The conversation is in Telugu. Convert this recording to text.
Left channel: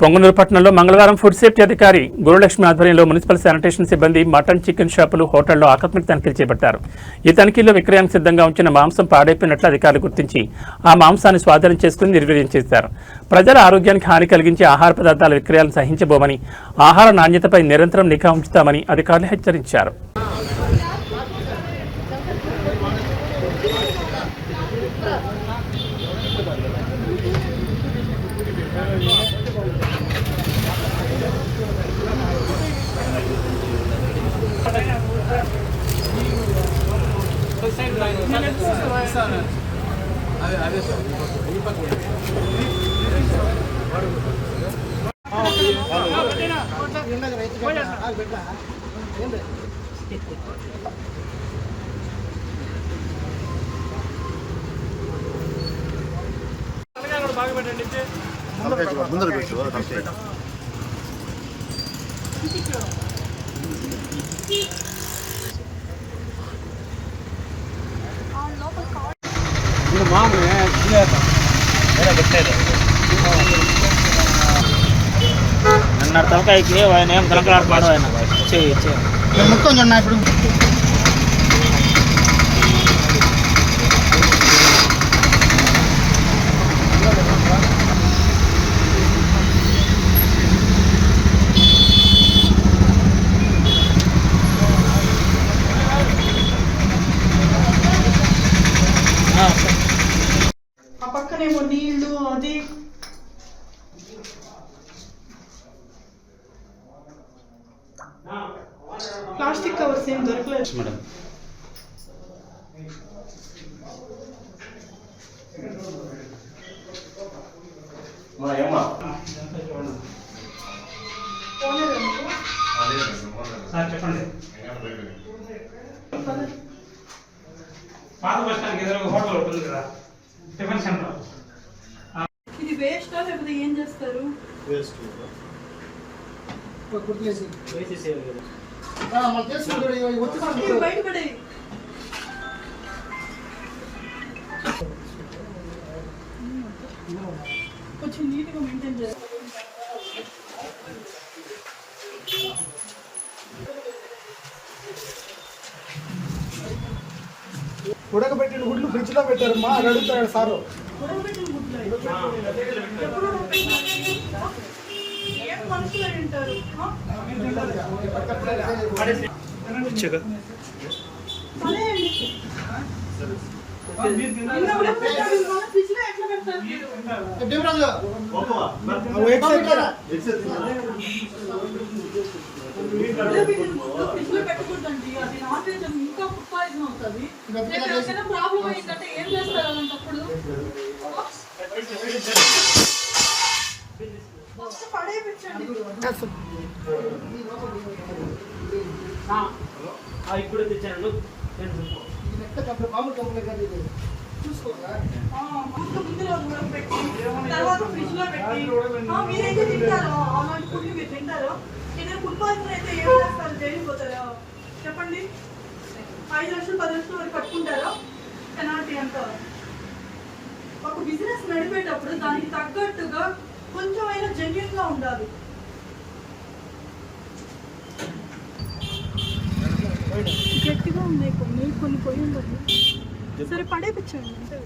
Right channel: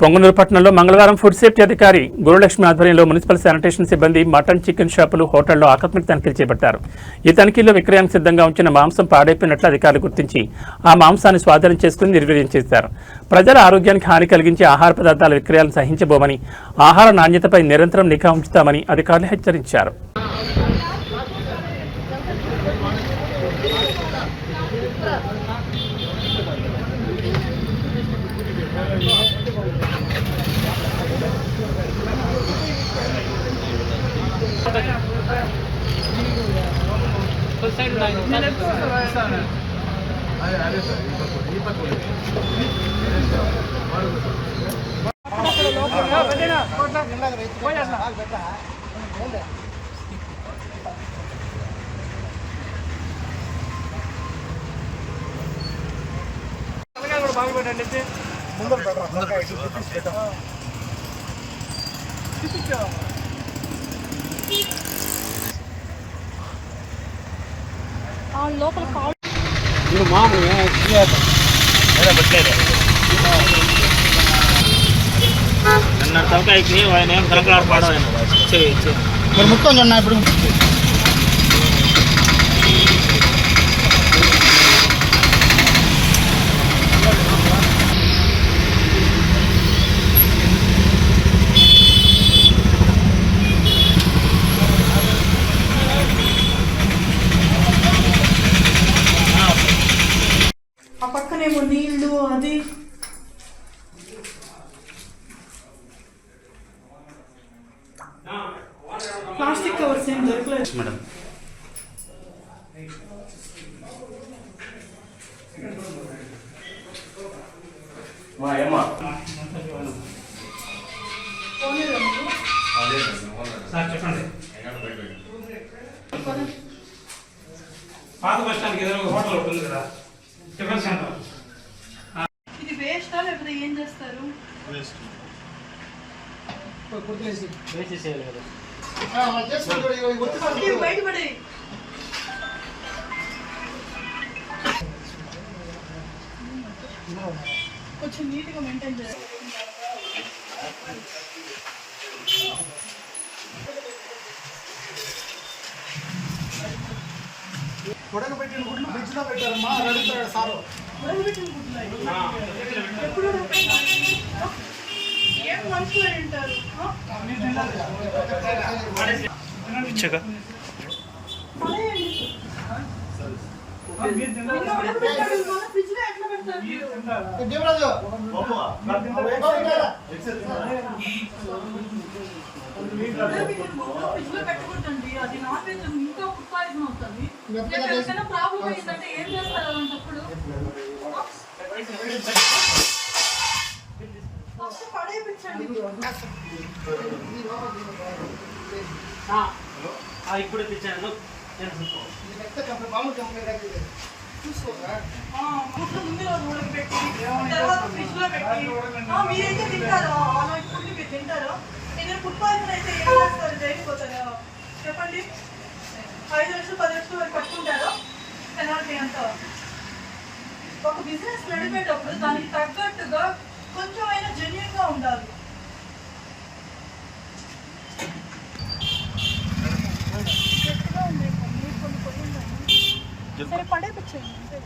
పొంగనూరు పట్టణంలో మంగళవారం ఫుడ్ సేఫ్టీ అధికారి గురులక్ష్మి ఆధ్వర్యంలో మున్సిపల్ శానిటేషన్ సిబ్బంది మటన్ చికెన్ షాపులు హోటల్లో ఆకస్మిక తనిఖీలు చేపట్టారు. ఈ తనిఖీల్లో విక్రయానికి సిద్ధంగా ఉంచిన మాంసం పాడైపోయినట్లు అధికారులు గుర్తించి ఆ మాంసాన్ని స్వాధీనం చేసుకుని నిర్వీర్యం చేశారు. ప్రజల ఆరోగ్యానికి హాని కలిగించే ఆహార పదార్థాల విక్రయాలను సహించబోమని, ఆహార నాణ్యతపై నిరంతరం నిఘా ఉంచుతామని అధికారులు హెచ్చరించారు. మొత్తం చూడండి ఇప్పుడు పక్కనేమో నీళ్లు అది ప్లాస్టిక్ కవర్స్ ఏం దొరకలేదు మేడం. పాత బస్ స్టాండ్ ఎదురుగా హోటల్ ఉంటుంది కదా, టిఫిన్ సెంటర్. ఇది వేస్టా లేకపోతే ఏం చేస్తారు? బయటపడే కొంచెం నీట్గా మెయింటైన్ చేయాలి. ఉడకబెట్టిన గుడ్లు ఫ్రిడ్జ్ లో పెట్టారమ్మా అని అడుగుతాడు సార్. ఉడకబెట్టిన గుడ్లు ఎప్పుడు ఏం మనుషులు తింటారు? పెట్టకూడదండి, అది నాన్ వెజ్ ఇంకా ఫుడ్ పాయిజన్ అవుతుంది. ప్రాబ్లం అయిందంటే ఏం చేస్తారు అలాంటప్పుడు? పడేపించండి. ఇప్పుడు తెచ్చాను ముందులో ఉడకబెట్టి తర్వాత ఫ్రిడ్జ్ లో పెట్టి మీరైతే తింటారు. అలాంటి ఫుడ్ మీరు తింటారు. మీరు ఫుడ్ పాయిజన్ అయితే ఏం చేస్తారు? జైలుకి పోతారా? చెప్పండి. 5 లక్షలు 10 లక్షలు వరకు కట్టుకుంటారు. పెనాల్టీ ఎంత? ఒక బిజినెస్ నడిపేటప్పుడు దానికి తగ్గట్టుగా కొంచెమైనా జెన్యూన్ గా ఉండాలి. గట్టిగా ఉన్నాయి కొన్ని కొన్ని పోయిందని సరే పడేపించండి అంతే.